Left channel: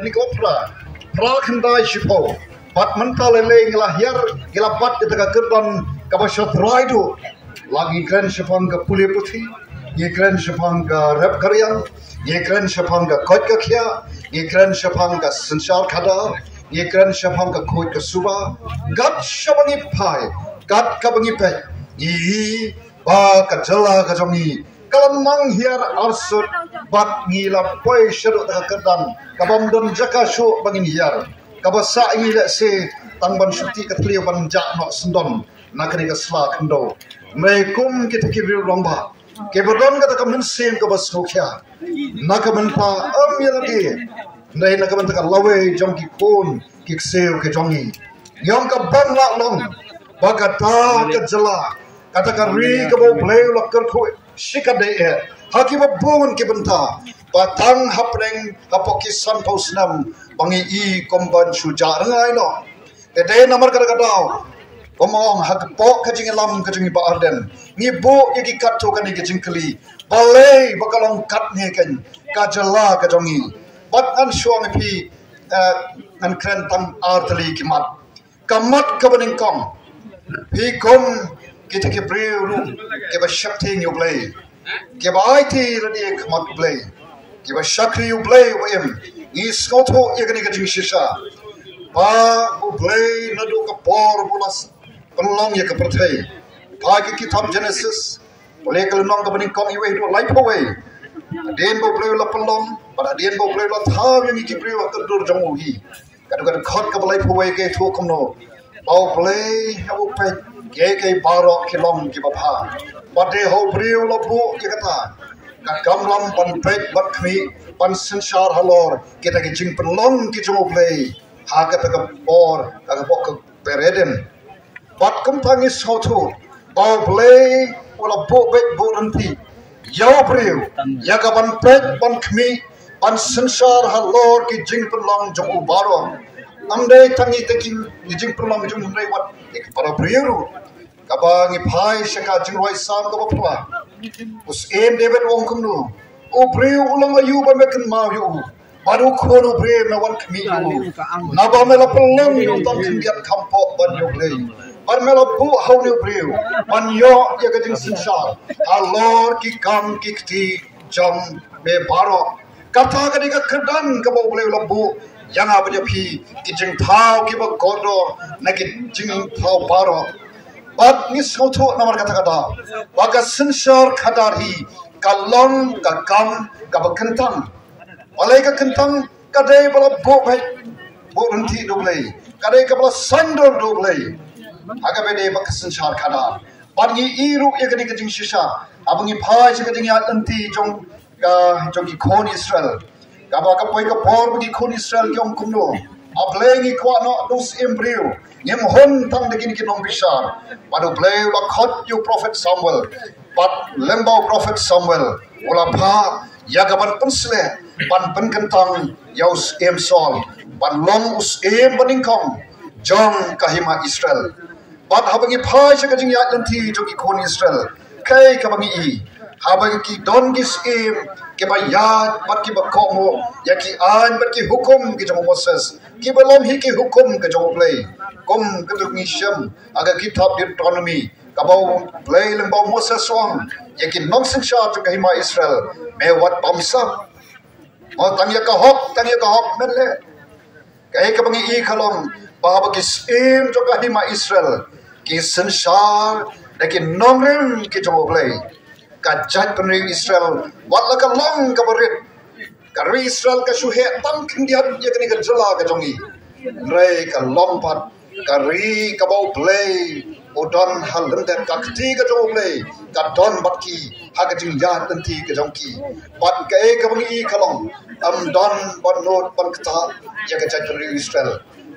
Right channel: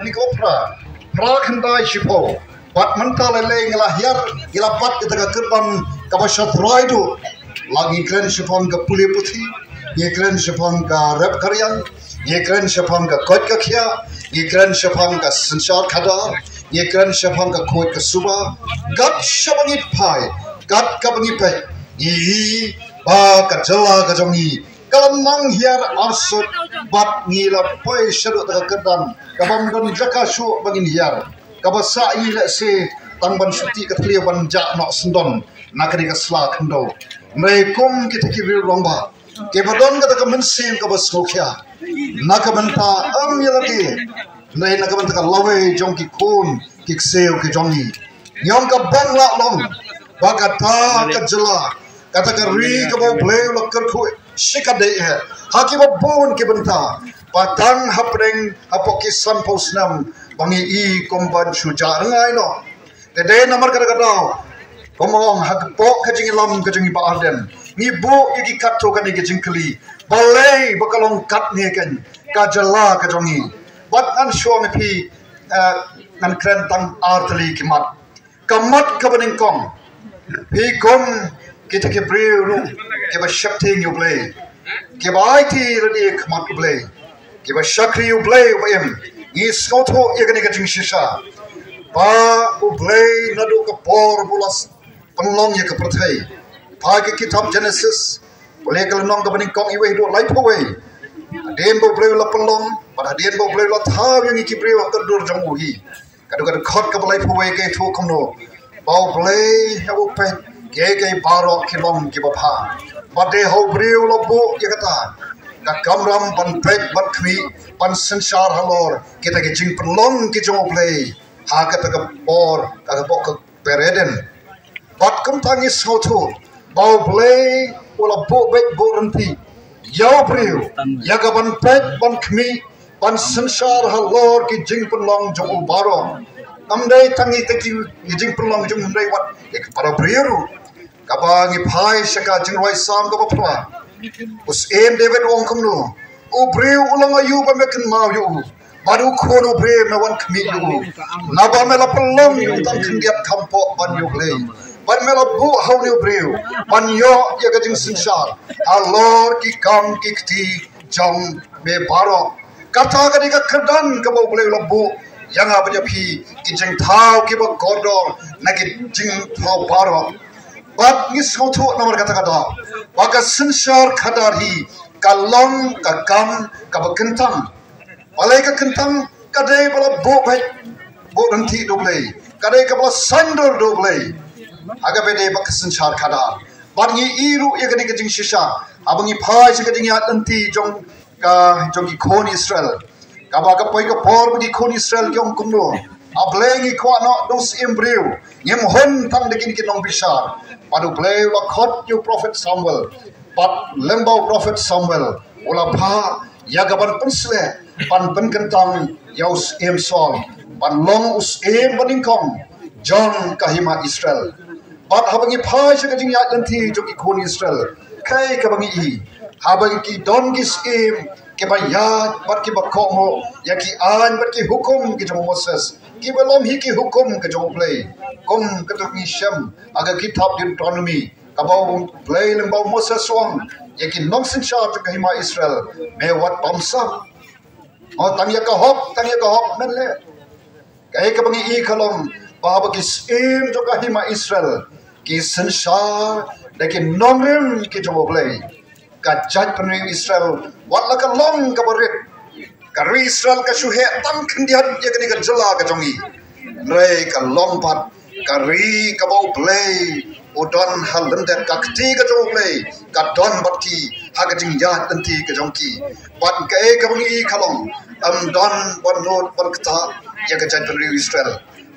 Ni ko pra khandai shipo bat mental leng la hiar ila pat kita kerban ka bashat raidu lagi kren shipang ka PULE PUTHI ye kren shipang ka rap karyang ye kren shipang ka KOT ka khia ye kren shipang ka sansar khada ye kren shipang ka KOT ka suba gat shabangi pai gat ka bangi pe yi ba ka jala ka jongi kalamang hiar arsut bat ngila pai shadu ta kerdan kabam don jaka shu bangin hiar kabasa ngila se tangban suti ka tliwan ja no sendon nakri ka sla khando mai kum kita kiril lomba ke bodon ka ka mensim ka bas khokhya nakamanta am yalagi nai nakamanta ka lawe jongki kun kikseu ke jongi nyong ka bangla long bagata ka jala kata ka ri ka bo play lokker khu shikade haki bo bun ke banta patang hapreng hapoki sampos nam bangi I komban suja ngai no tede namar kata kata komong hak pok kajing lam kajing ba arden ni bo yaki katto kan ni kajing kli balai bakalong kat ni kan kajala kajongi bat an shong pi an kren tam artli kimat kamat kabaning kong pi kom kita ke brew ke ba shakti you play ke ba IT radi kamat play ke ba shakri you play em ni skoto yagani kajing shisha ba u play nadu ka por bulas penlong ya ke perthai pagi kitab Genesis boleh kalau nong kabaning kong iwe do life away den bo play la penlong pada den bo play la thaw yang ki brew ka dur jamu hi kadu kadu khot ka life away ke thu komno ba play habu pe ke barok kilom ki bapha bade ho brew la bo ya kata ka kamram ban break bat khmi pan sansar halor kita ke jing penlong ki jamu play ha ka ta ka por ka bok ka pereden bat kum tangi sautu bau play ula bo bet bo nanti yau brew ya ka ban break ban khmi pan sansar halor ki jing penlong jamu baro namdai tangi te ki jing penlong jamu namdai wat ek para brew kabangi pai shaka jingroi sam ka bapwa us em David wong kumnu o brew ulang ayu ba mekan mau yu baru kono brew na wan kmi yu na ba mela pelong yu tam khindiat kampo ban yu play ban mela bu how new brew ban yo ya ka jing sinsar alor ki kam ki kti jam me baro kata ka dika kerdan ka bo play la bu yang apa je pi ki jing thau ki ba godor na ki jing thau baro bat ni sautu nomor kata-kata waga sensor kadari kalong ka kam ka bekentang walai ka kentang kadai bala bo bai bo nanti doblei kadai ka bala sandor doblei aga bede bak sensor kadar bat ni iru ye gadi kajing shisha abangi phai se kajing ya nanti jong ki khon Israel ka ba ka poi ka por di khon Israel kyong kumno ablengi kwa no dos embryo nyem hon tang de kin nong bisar padu play la khot you prophet Samuel pat lembo prophet Samuel ula pha yagaban pensle pan kentang yaus em sol pan long us em baningkong jong kahima Israel pat habangi pha se kajing ya lanti joki khon Israel kai kabangi I habangi ki don gis em ke ba yad bat ki ba kongo ya ki an bat ki hukum ki jong Moses ki belum hi ki hukum ke jong play kom ketuk ni syam aga kitab Deuteronomy kabau play lembau Moses song ya ki nong sensha ke hima Israel me wat bamsa o tangya ka hok menle kai ka bangi I khalom ba ki sim jo ka hima Israel ki sensha de ki nongem ki jong play ka jat penri Israel wat la ka long ka barit kari Israel ka shuhe tam khindian ye kani ka jala ka jongi rei ka lompat kari ka bau play udon halendet ka kti ka jong play ka don batki ha ka jing ya tanti ka jongki pat ka e ka bangi khalong don bon not bon kta ye ka jat penri Israel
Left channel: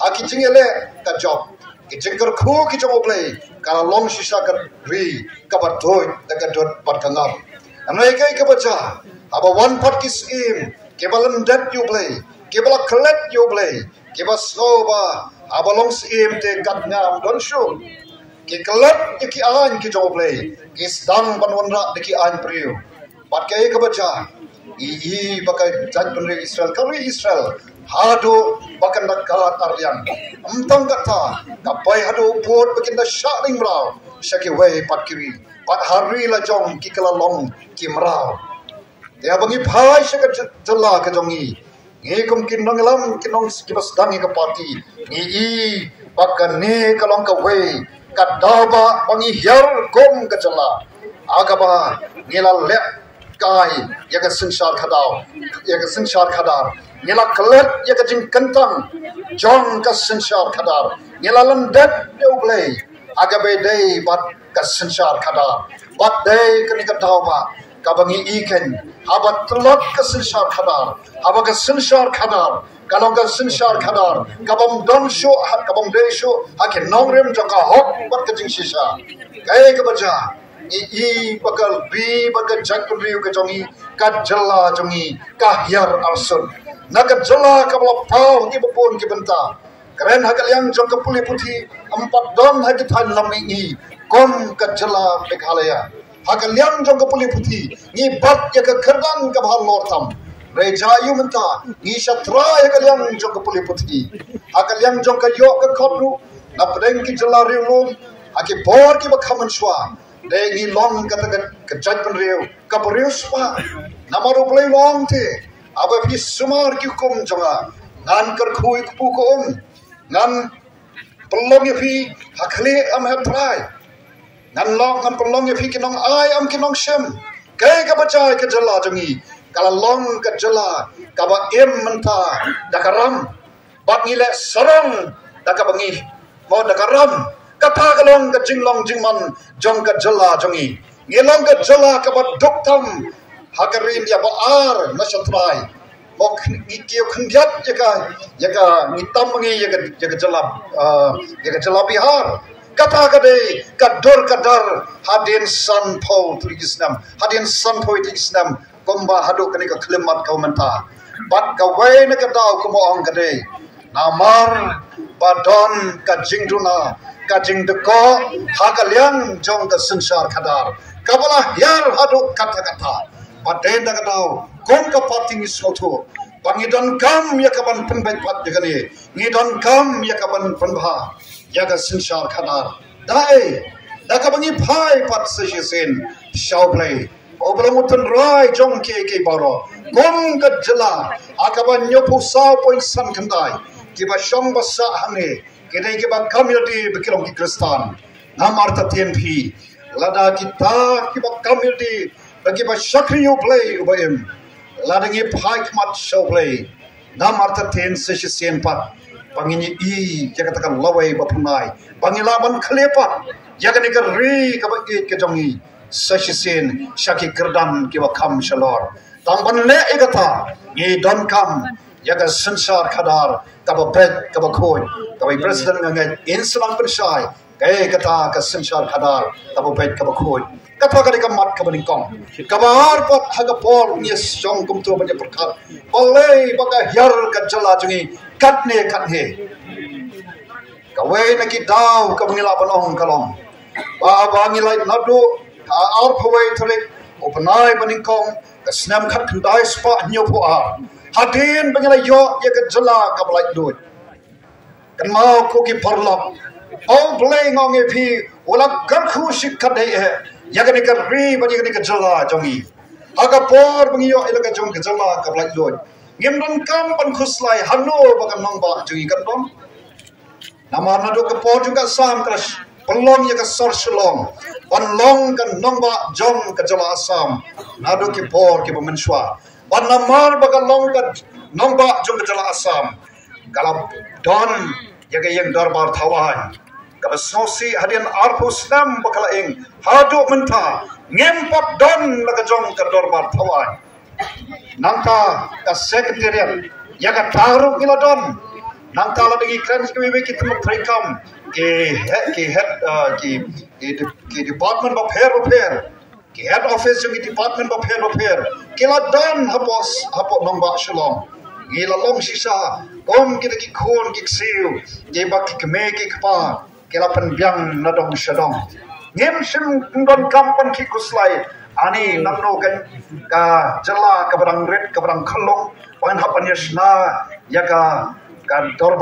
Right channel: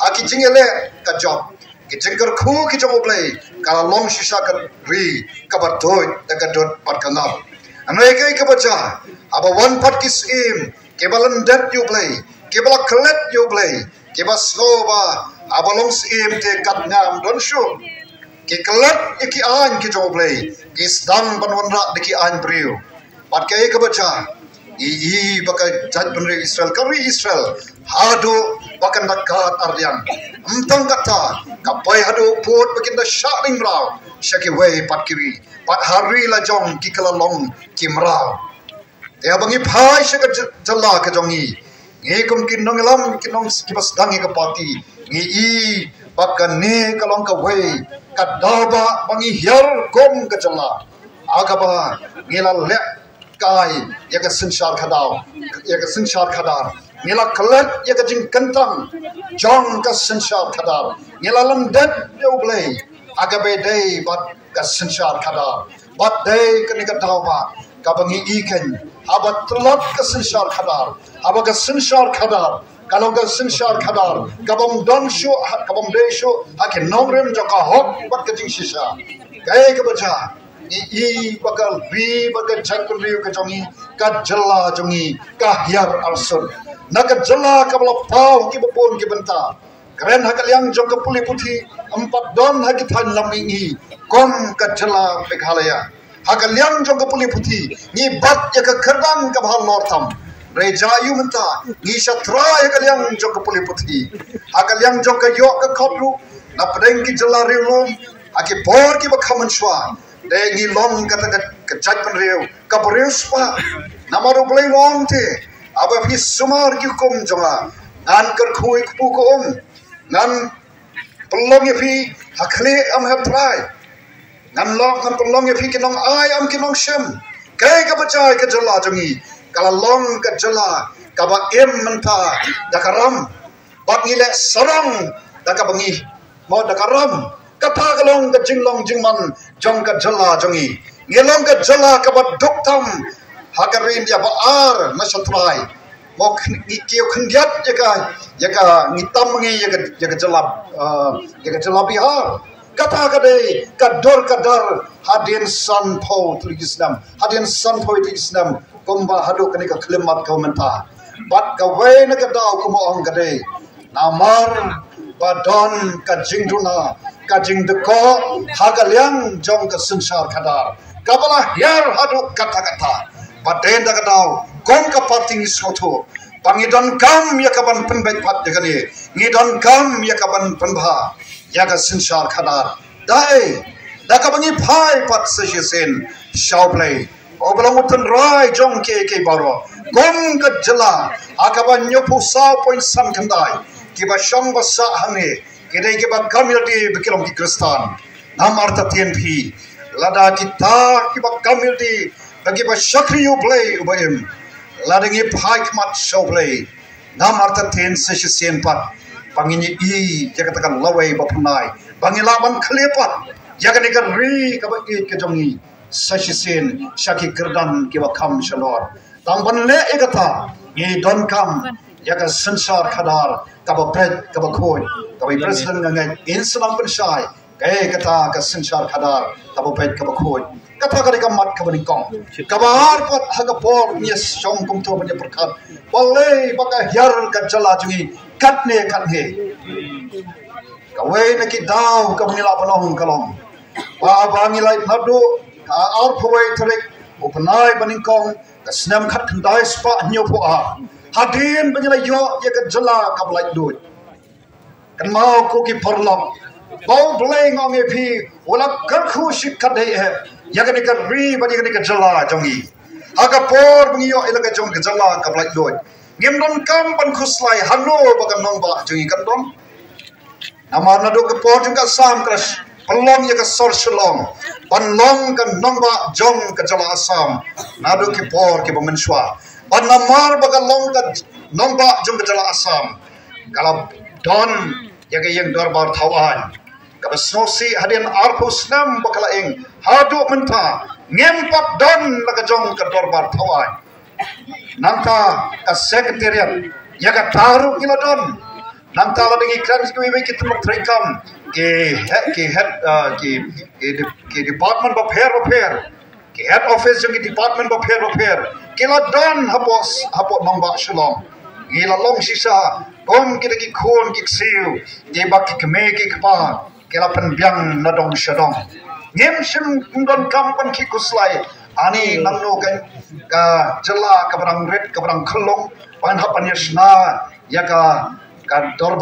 ha ki jingele ka job ki jingkar khu ki jong play ka long shisha ka ri ka batoi ta ka dot pat ka ngap anai kai ka bacha aba one part kis im kebalan dat you play kebala klet you play kebas soba aba long im te kat ngam don show ki klet ki an ki jo play kis dang banwan ra de ki an priu pat kai ka bacha i baka jaj benri Israel kari Israel hadu bakan dakat arlian amtang kata kapai hadu put bakin da sharing rau shaki way pat kiri pat hari la jong ki kala long kimrau ya bangi phai shaka jalla ka jongi nge kum kin nong lam kin nong kibas dangi ka party ngi i bakan ne kalong ka way kadaba bangi HIAR kom ka jalla agaba ngela le kai yaga sinshar khadau yaga sinshar khadar ngela klet yaga jing kentang jong ka sinshar khadar ngela landat deuble agabe dei bat ka sinshar khadar bat dei kani ka dawa ka bangi iken abat telot ka sinshar khadar abaga sinshar khadar kalong ka sinshar khadar kabam dom sho kabam dei sho hakin nongrem jong ka hok bat ka jing shisha kai ka baja i bakal bi bakal jakun riu ke jongi ka jala jongi ka HIAR arsun naga jala ka bala pau ki bopon ki benta keren hakal yang jong ka puli puthi empat don hagi than lam ngi kom ka jala Meghalaya hakal yang jong ka puli puthi ngi bat ya ka kerdan ka bhal northam rejayu menta ngi shatra hakal yang jong ka puli puthi hakal yang jong ka yo ka khotru na pedeng ki jala riu lom aki bor ki bakhaman shwa dei ngi long kata kejat penriu kapriu spa namaru play long te aba fi sumar ki kum jama nan kar khui ku ko nan pelong ye fi hakle am have try nan long kan pelong ye fi kinong ai am kinong shem kai ka bachai ka jala jangi kala long ka jala ka ba em manta dakaram bat ngi le sarong dakabangi mo dakaram kata kalong ka jinglong jingman jong ka jala jongi ngelong ka jala ka ba doktam hakarin ya ba ar masatrai mok kiyo khndiat yaka ngitam ngi yaka jala bihar kata ka de ka dar hadin san pau tulisnam hadin san pau tulisnam komba hadu kani ka klimat ka menta bat ka we na ka dau ko mo ang ka de namar badon ka jingduna kajing deko hagaliang jong ka sinshar khadar kabala HIAR hadu kata paten da kadau kom ka pating soto pangidon kam yakaban penbek pat jagani ngidon kam yakaban penbha yaga sinshar khadar dai da ka bangi phai pat sesisen shauplay oblang utan rai jong ke baro kom ka jala akaban nyopu sa point sam khandai kiba shong basa hange kene ke ba community bikilom ki kristan nam arta tnp lada kita ki ba community bagi ba shakriyu play ubaim lada ngi phak mat show play nam arta ten session pat pangini i jakatakan lawai ba punai bangi laban khlepa jagani ka ri ka ba ke jongi session shaki kerdan ki ba kham shalor tamban le egata ngi don kam yaga sinshar khadar kabapet kabakhoy kabai president ngai insulang penshai kata ka sinshar khadar kabapet kabakhoy kata ka mat kabani kong kabar pat hagapor ni song kum to banya perkat boleh baka HIAR ka jala jungi katne kawai na ki daw kabani la panong kalong ba bangi lai nadu ar phoi threk upanai bani kong ka snam khat khandai spa nyo pho a hadin bangila yo ya ka jala ka blai dut kan mau ko ki parlok bau bleng ong e phi wala kar khu shikhat dei he ya ka ni ka ri bani ka ni ka jala jongi aga por bangi yo ila ka jong ka jala ka blai dut ngem don kam ban khuslai hanu ba kan nong ba jongi kan don namar na do ka por jong ka sam crash pelong ya ka sor shalom pan long kan nong ba jong ka jala asam na do ki por ki ba menshwa ban namar baga long ka nomba jong jala asam kalau don yaga yang darbar thawan kalau sosi hadian arpu snam bakala eng hadu menta ngempat don baga jong ka darbar thawan nanta ka secretariat yaga taruh ngila don nanta la dengi krans ki we ki tum trekam ke department ba pher ke head office jong department ba pher kila don hapot nomba shalom gila long sisa kom kita ki khon ki siu ge bak ki keme ki kpa kila pen byang na dong shadong ngem sim don kampan ki kuslai ani nangno kan ka jela ka barang red ka barang khlong wan hapan yasna ya ka dorba